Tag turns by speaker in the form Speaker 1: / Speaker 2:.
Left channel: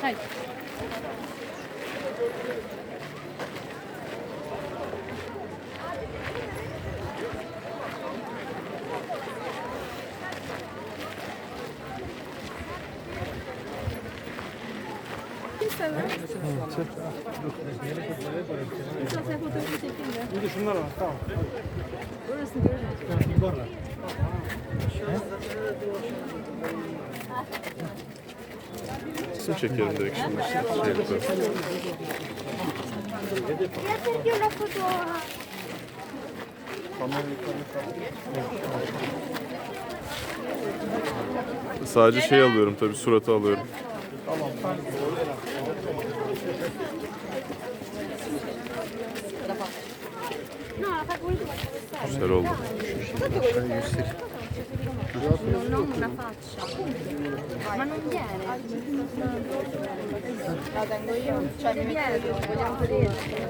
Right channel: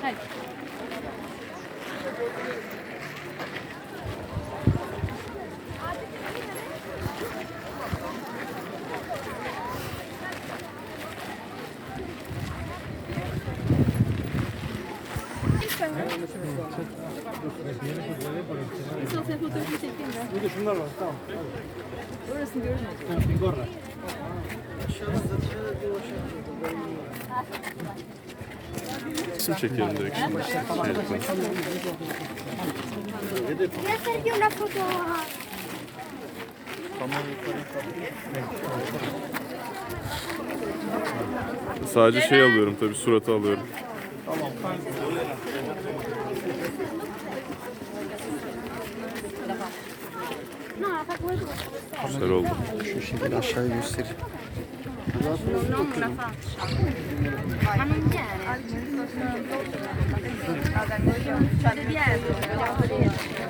Speaker 1: Hayır. Thank you. Burada şunlar var. Tamam. Tamam, var.
Speaker 2: İsim çekiyorum direkt. Şey yapıyorum.
Speaker 3: Io una foto.
Speaker 2: Sadece şey alıyorum tabii suratı alıyorum.
Speaker 3: No,
Speaker 2: Güzel oldu.
Speaker 3: Non una faccia. Ma